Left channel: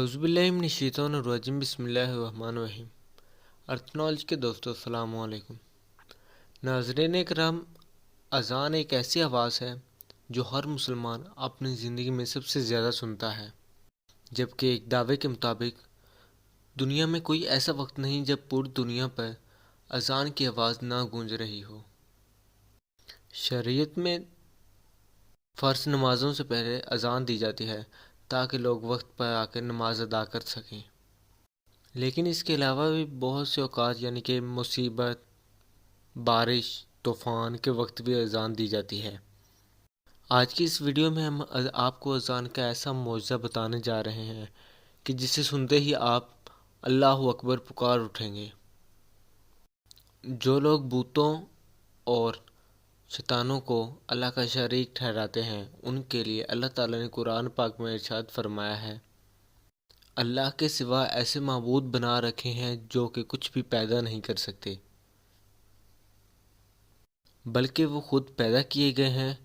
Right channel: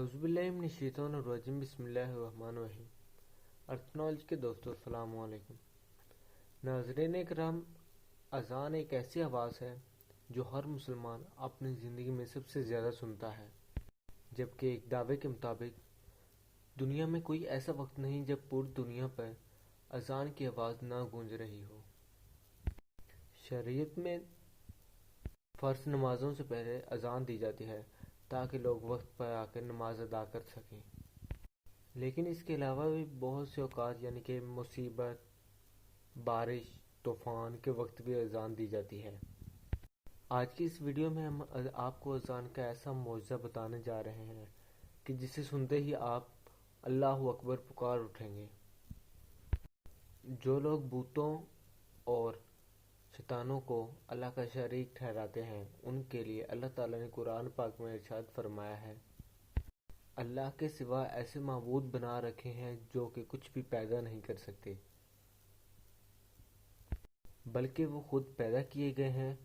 अऊज़ुबिल्लाहिमिनश्शैतानिर्रजीम बिस्मिल्लाहिर्रहमानिर्रहीम। अर्थ नॉलेज के दोस्तों अस्सलाम वालेकुम। नाज़रीन इकराम, अज़ान एक ऐसी आवाज़ है जो हर मुसलमान अपनी ज़िंदगी में सबसे ज़्यादा सुनता है, जबकि एक दावे के मुताबिक दुनिया में कोई ऐसा वक्त नहीं जब पूरी दुनिया पर अज़ान की आवाज़ ना गूंज रही हो। शरीयत में फ़र्ज़ नमाज़ों से पहले अज़ान दी जाती है ताकि लोग वक्त पर आकर नमाज अदा कर सकें। लेकिन इसके अलावा भी बहुत से औकात यानी कि मुसीबत, बारिश, तूफ़ान के वक्त भी अज़ान दी जाती है। आज की इस वीडियो में हम आपको अज़ान का ऐसा मौजज़ा बताने जा रहे हैं कि जिसे सुनते ही आप अल्लाहु अकबर पुकार उठेंगे। जो लोग बूतों और शैतानों को अल्लाह का शरीक ठहराते हैं, उनके लिए अल्लाह ताला ने कुरान पाक में इरशाद फरमाया है, अल्लाह के सिवा ऐसे माबूद बना रखे हैं जो कि कुछ भी पैदा नहीं कर सकते, बल्कि वो खुद पैदा किए गए हैं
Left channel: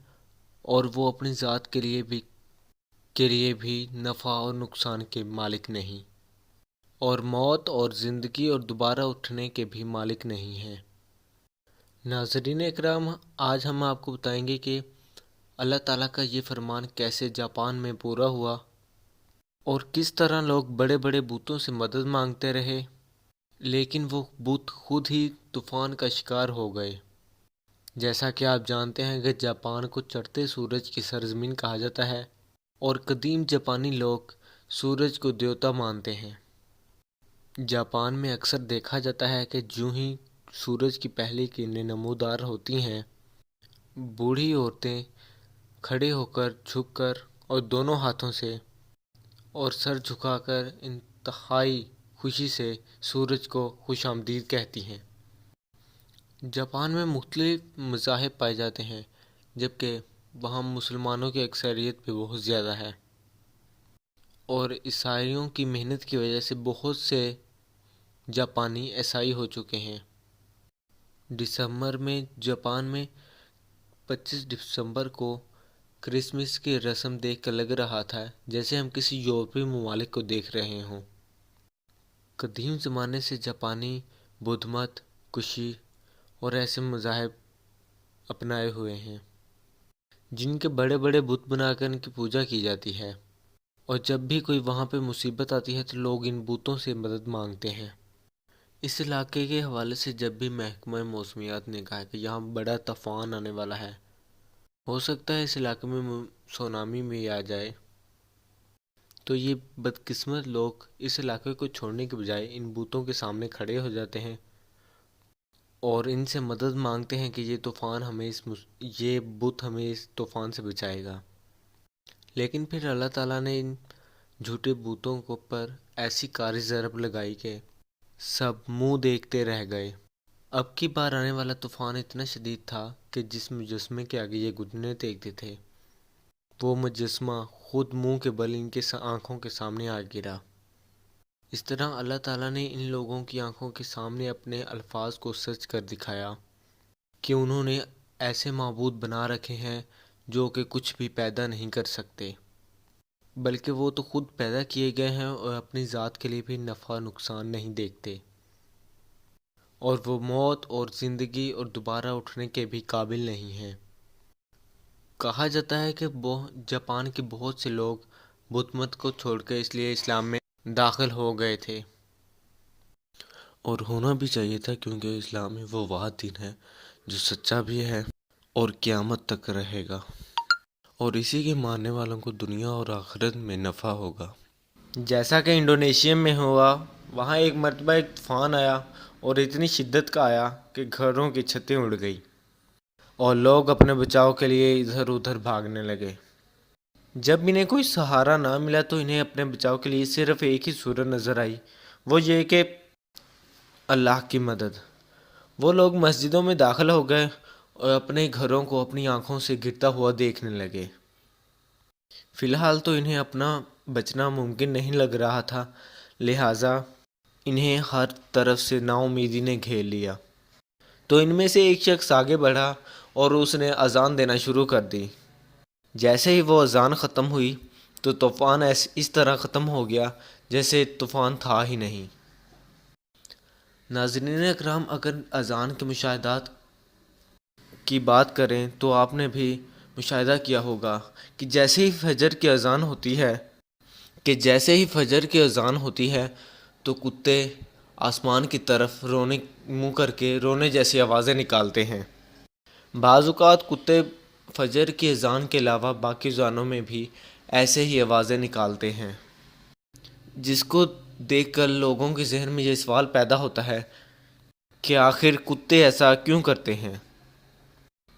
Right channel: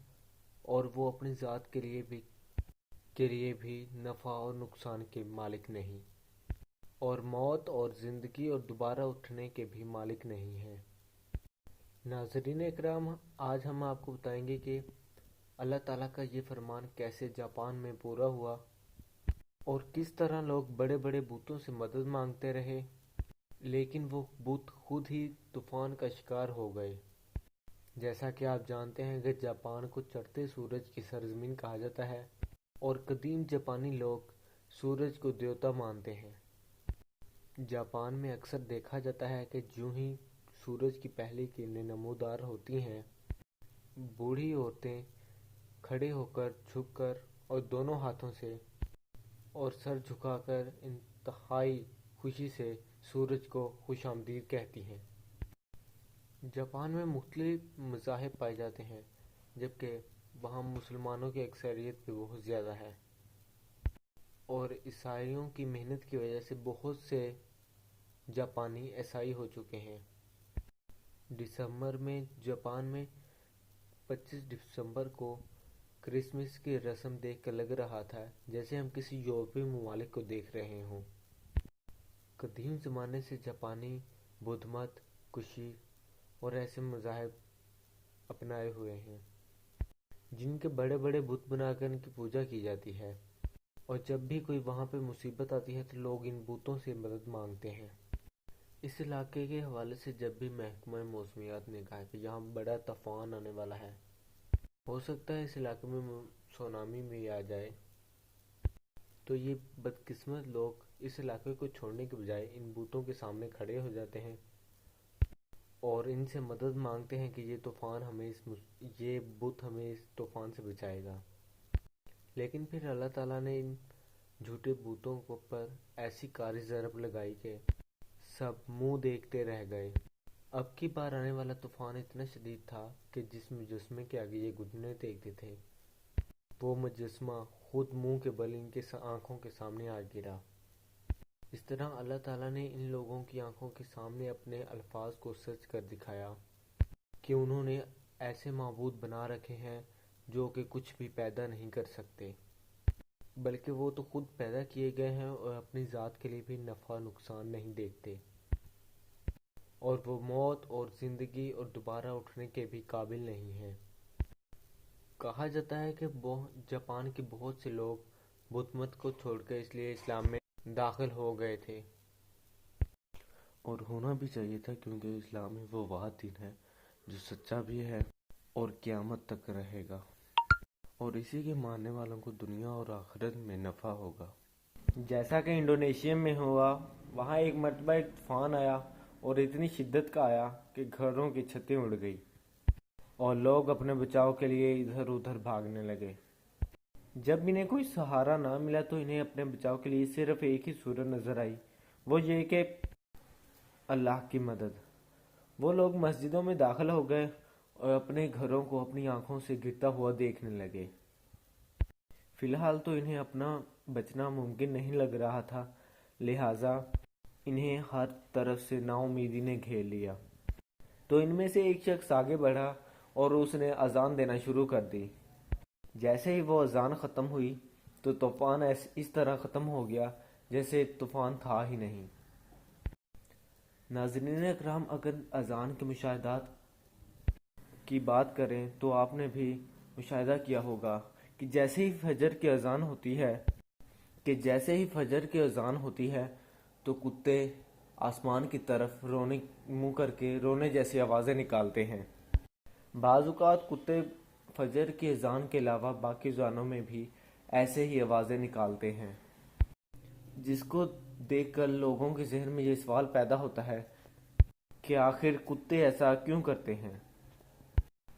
और वो अपनी ज़ात के लिए भी नफ़ा और नुकसान के मालिक नहीं, और मौत और ज़िंदगी और दोबारा उठने के भी मालिक नहीं हैं। नाज़रीन इकराम, आज हम आपको बताएंगे कि अल्लाह ताला का ये फरमान कैसे जापान में पूरा हुआ और किस तरह लोग बड़े बड़े बूतों से मदद मांगते रहे, लेकिन वो बूत खुद ही तूफ़ान का शिकार हो गए। जैसा कि आप जानते हैं कि जापान को चढ़ते सूरज की सरजमीन कहा जाता है और कदीम जापानी लोग सूरज को देवता मानते हैं। जापान में अक्सर देखा जाता है कि जो ही सूरज की पहली किरणें नमूदार होती हैं, बूढ़ी औरतें खड़े होकर, झुककर और दोनों हाथों से और सर झुकाकर इंतहाई खुशी से सूरज को खुशामदीद कहती हैं। जापान में मुख्तलिफ मज़ाहिब पाए जाते हैं, जबकि वहाँ मुसलमानों की अक्सरियत भी बहुत ज़्यादा है और ईसाइयों की मेहनत की वजह से बहुत से जापानी ईसाई हो चुके हैं। दिसंबर में जापान में 25 दिसंबर को क्रिसमस की रस्म देख कर लग रहा था जैसे हम किसी यूरोपीय ममालिक को देख रहे हों। कदीम ज़माने से जापानी बुद्ध मत, कुशी और ऐसे मज़ाहिब अपनाए हुए हैं जिनके बड़े बड़े बुत बनाकर इनकी पूजा की जाती है, और जब भी कोई वहाँ पे मुसीबत आती है तो लोग इन बुतों से मदद मांगते हैं। इस इलाके के हवाले से जब भी महकमा मौसमियात ने कहा कि यहाँ बड़ा तूफ़ान आने वाला है, हो सकता है इस इलाके में सुनामी भी आ जाए, तो ये बदकिस्मत लोग इस इलाके को छोड़ने के बजाय इन बूतों के सामने खड़े हो जाते हैं और इनसे मदद मांगते हैं कि ये बुत हमें इस तूफ़ान से बचाएगा। लेकिन फिर अल्लाह ताला ने इन झूठे बूतों को पर ऐसी कारी ज़रब लगाई कि सब मुंह देखते रह गए। अब की बार आने वाला तूफ़ान इतना शदीद था कि जिस मुजस्मे के आगे ये घुटने टेकते थे, वो मुजस्मा खुद मुंह के बल इनके आँखों के सामने आ गिरा। इस तरह अल्लाह ताला ने इन लोगों की आंखों के सामने अपने अल्फाज को सच कर दिखाया कि उन्होंने ऐसे माबूद बना रखे हैं जो कि कुछ भी पैदा नहीं कर सकते, बल्कि वो तो खुद पैदा किए गए हैं और अपनी ज़ात के लिए भी नफ़ा नुकसान नहीं देखते, और वो मौत और ज़िंदगी और दोबारा उठने के भी काबिल नहीं हैं। कहा जाता है कि जापान के बहुत से लोग बुत मत को छोड़कर इसलिए इस्लाम में दाखिल हो गए थे, और होना भी चाहिए था, क्योंकि इस्लाम में वो वाह दिन है जो सच्चा भी है और क़यामत तक रहेगा, और इसी के मानने वालों को दुनिया और आखिरत में नफ़ा होगा। जैसा कि इंडोनेशिया में हुआ, वहाँ एक मरतबा एक तूफ़ान आया और इतनी शिद्दत का आया कि घरों की छतें उड़ गई और लोग अपने बचाव के लिए इधर उधर भागने लगे। जब इन्हें कोई सहारा ना मिला तो इन्हें अपने बचाव के लिए सिर्फ एक ही सूरत नज़र आई, वो ये कि अल्लाह की मदद। वो लोग मस्जिदों में दाखिल हो गए और अपने घरों को अपनी आंखों से गिरता हुआ देखने लगे। फ़िलहाल तो इन्हें अपना बचना मुमकिन नहीं लग रहा था, लिहाजा इन्हें हर तरफ से नाउमीदी ने घेर लिया। तो इनमें से एक शख्स आगे बढ़ा और उसने अज़ान देना शुरू कर दी। जैसे ही वो अज़ान ख़त्म हुई तो तूफ़ान इस तरह ख़त्म हो गया جیسے طوفان تھا ہی نہیں۔ ناظرین اکرام، اگر اذان کے مشاہدات کی بات کریں تو آپ نے بھی مشاہدہ کیا ہوگا کہ جیسے ہی فجر کی اذان ہوتی ہے تو کتے آسمان کی طرف رونے منہ کر کے رونے جیسی آوازیں نکالتے ہیں۔ بعض اوقات کتے فجر کی اذان کے علاوہ باقی اذانوں میں بھی ایسے ہی آوازیں نکالتے ہیں، جس کو دیکھ کر لوگوں کے ذہن میں یہ سوال پیدا ہوتا ہے کہ آخر کتے ایسا کیوں کرتے ہیں۔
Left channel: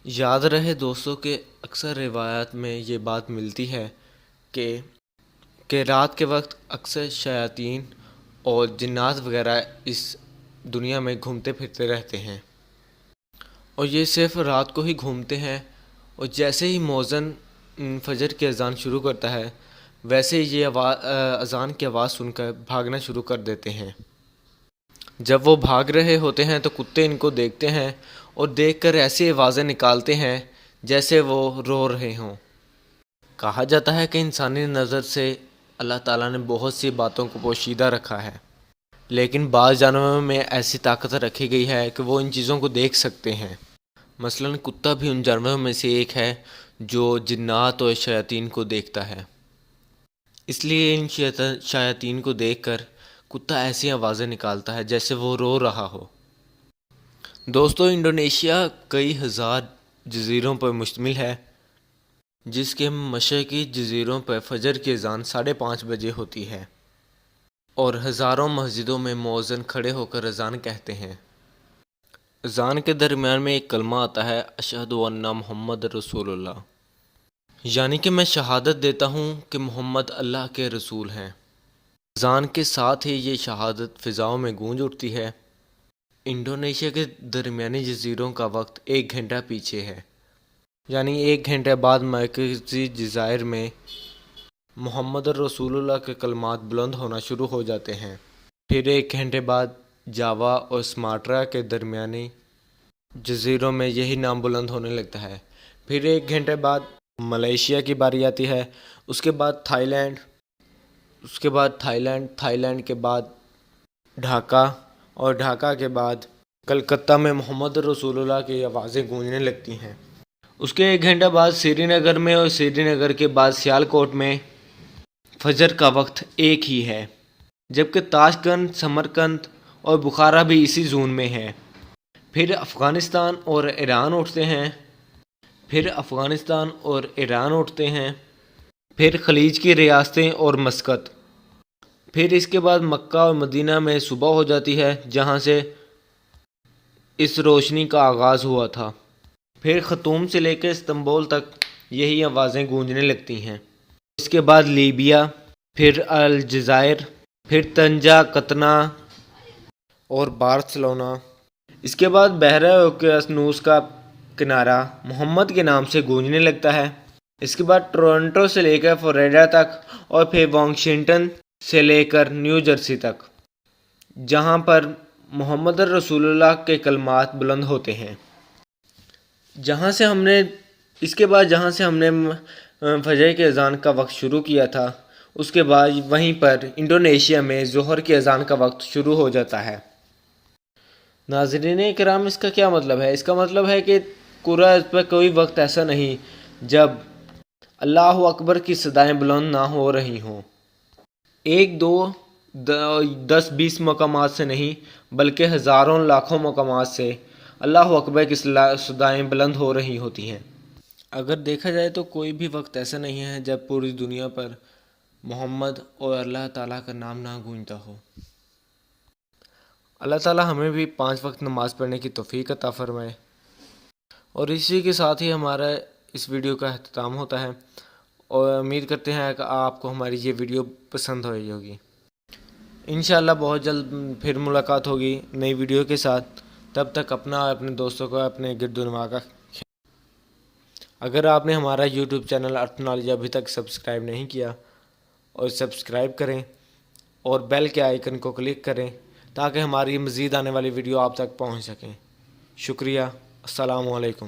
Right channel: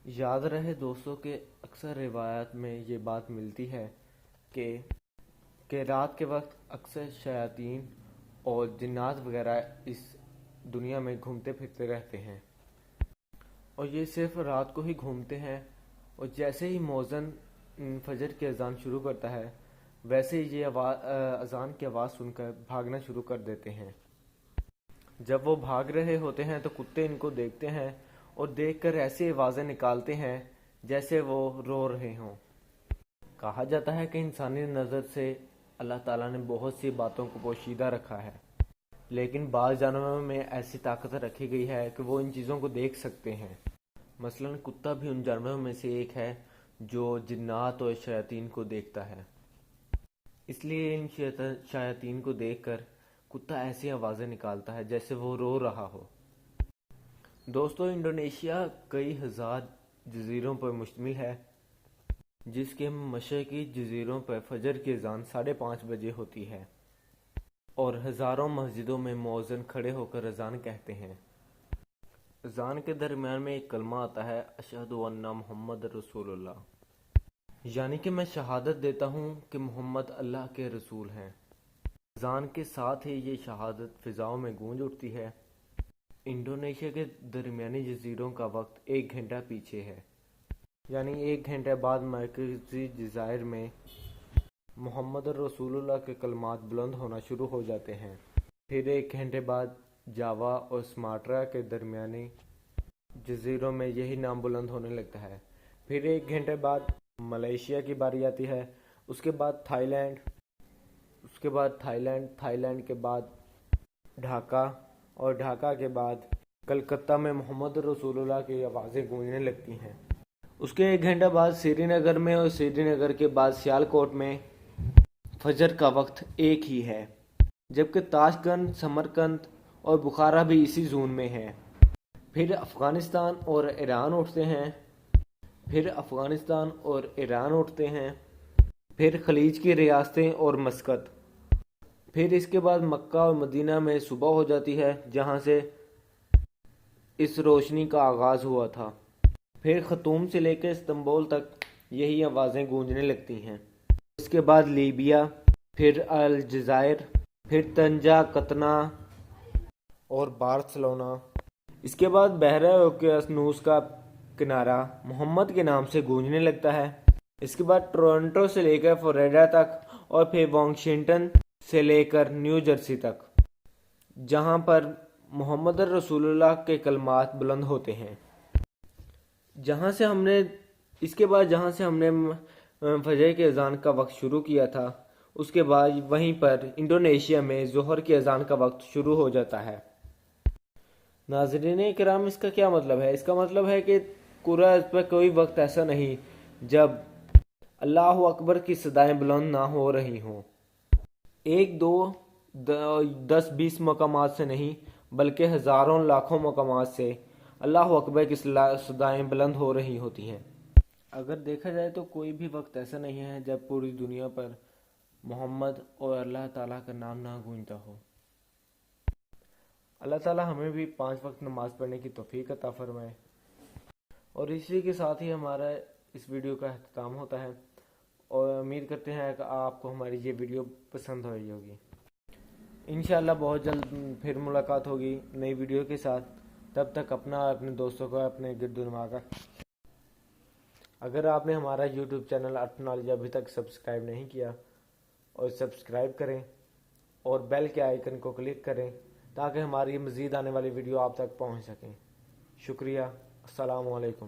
یاد رہے دوستوں کہ اکثر روایات میں یہ بات ملتی ہے کہ رات کے وقت اکثر شیاطین اور جنات وغیرہ اس دنیا میں گھومتے پھرتے رہتے ہیں، اور یہ صرف رات کو ہی گھومتے ہیں، اور جیسے ہی مؤذن فجر کی اذان شروع کرتا ہے ویسے ہی یہ اذان کی آواز سن کر بھاگنا شروع کر دیتے ہیں۔ جب وہ بھاگ رہے ہوتے ہیں تو کتے ان کو دیکھتے ہیں اور دیکھ کر ایسی آوازیں نکالتے ہیں جیسے وہ رو رہے ہوں۔ کہا جاتا ہے کہ انسانی نظر سے اللہ تعالیٰ نے بہت سی باتوں کو پوشیدہ رکھا ہے، لیکن بعض جانوروں میں ایسی طاقت رکھی گئی ہے کہ وہ ان چیزوں کو دیکھ سکتے ہیں۔ مثلاً کتا بھی ان جانوروں میں سے ایک ہے جو جنات اور شیاطین کو دیکھتا ہے، اس لیے ان شیاطین کو دیکھ کر کتا ایسی آوازیں نکالتا ہے جیسے وہ رو رہا ہو۔ دوستو، انڈونیشیا کئی ہزار جزیروں پر مشتمل ہے، جس کے مشرقی جزیروں پر فجر کی اذان 5:30 بجے ہوتی ہے، اور ہزاروں مسجدوں میں مؤذن کھڑے ہو کر اذان کہتے ہیں۔ اذان کے درمیان میں ایک کلمہ آتا ہے، اشہد ان محمد رسول اللہ، یعنی کہ میں شہادت دیتا ہوں کہ محمد اللہ کے رسول ہیں۔ اذان کے ساتھ ہی یہ شہادت فضاؤں میں گونج اٹھتی ہے۔ انڈونیشیا کے درمیانی جزیروں کا وقت 1 گھنٹہ پیچھے ہے، یعنی 1 گھنٹے بعد مرکزی جزائر میں محمد رسول اللہ کے کلمات بلند ہونا شروع ہو جاتے ہیں۔ پھر 1 گھنٹے بعد جاوا اور سماٹرا کے درمیانی جزیروں میں یہی نام بلند ہونے لگتا ہے۔ پھر 1 گھنٹے بعد ملائیشیا کی باری آتی ہے، اس کے بعد تھائی لینڈ کے بعد ڈھاکہ، اور ڈھاکہ کے بعد کلکتہ میں محمد رسول اللہ کی آوازیں گونجنے لگتی ہیں۔ اس کے 1 گھنٹہ بعد سری نگر میں، اور سری نگر کے بعد سیالکوٹ میں فجر کا وقت ایک ہی ہے، جبکہ تاشقند، سمرقند اور بخارا بھی اسی زون میں ہے۔ پھر افغانستان اور ایران اٹھتے ہیں، پھر خلیج کی ریاستیں اور مسقط، پھر اس کے بعد مکہ اور مدینہ میں صبح ہو جاتی ہے جہاں سے اس روشنی کا آغاز ہوا تھا۔ پھر خرطوم سے لے کے استنبول تک یہی آوازیں گونجنے لگتی ہیں۔ اس کے بعد لیبیا، پھر الجزائر، پھر طنجہ، قطنہ اور بارسلونا۔ اس کے بعد بحیرہ اوقیانوس کا کنارہ محمد کے نام سے گونجنے لگتا ہے۔ اس کے بعد ٹورنٹو سے لے کر فلوریڈا تک، اور پھر واشنگٹن سے لے کر نیو جرسی تک، جہاں پر محمد رسول اللہ کے کلمات بلند ہوتے ہیں۔ جہاں سے ہم نے فجر کی اذان کا وقت شروع کیا تھا، اس کے بعد وہیں پر انڈونیشیا میں ظہر کی اذان کا وقت شروع ہو جاتا ہے۔ ناظرین کرام، اس کا کیا مطلب ہے؟ اس کا مطلب ہے کہ قرآن پر کوئی وقت ایسا نہیں جب اللہ اکبر کی صدائیں بلند نہ ہو رہی ہوں۔ 1 2 10 20 مقامات سے نہیں، بلکہ ہزاروں لاکھوں مقامات سے اللہ اکبر کی صدائیں بلند ہو رہی ہوتی ہیں۔ اگر دیکھا جائے تو کوئی بھی وقت ایسا نہیں ہے جب پوری دنیا پر محمد اور اللہ تعالیٰ کا نام نہ گونجتا ہو۔ اللہ تعالیٰ ہمیں بھی 5 وقت نماز پڑھنے کی توفیق عطا فرمائے۔ اور اسی کے ساتھ ہی ہمارا اس ویڈیو کا اختتام ہوتا ہے، اور امید کرتے ہیں کہ آپ کو ہماری یہ ویڈیو پسند ہوئی ہوگی۔ انشاءاللہ بہت جلد پھر ملاقات ہوگی نئی ویڈیو کے ساتھ۔ تب تک اپنا اور اپنے دوستوں کو، اپنے گرد و نواح کا اگر آپ نے ہمارا یوٹیوب چینل ارتھ نالج ابھی تک سبسکرائب نہیں کیا، اور سبسکرائب کریں اور بیل کے آئیکن کو کلک کریں تاکہ ہماری مزید آنے والی ویڈیو آپ تک پہنچ سکیں۔ شکریہ۔ السلام علیکم۔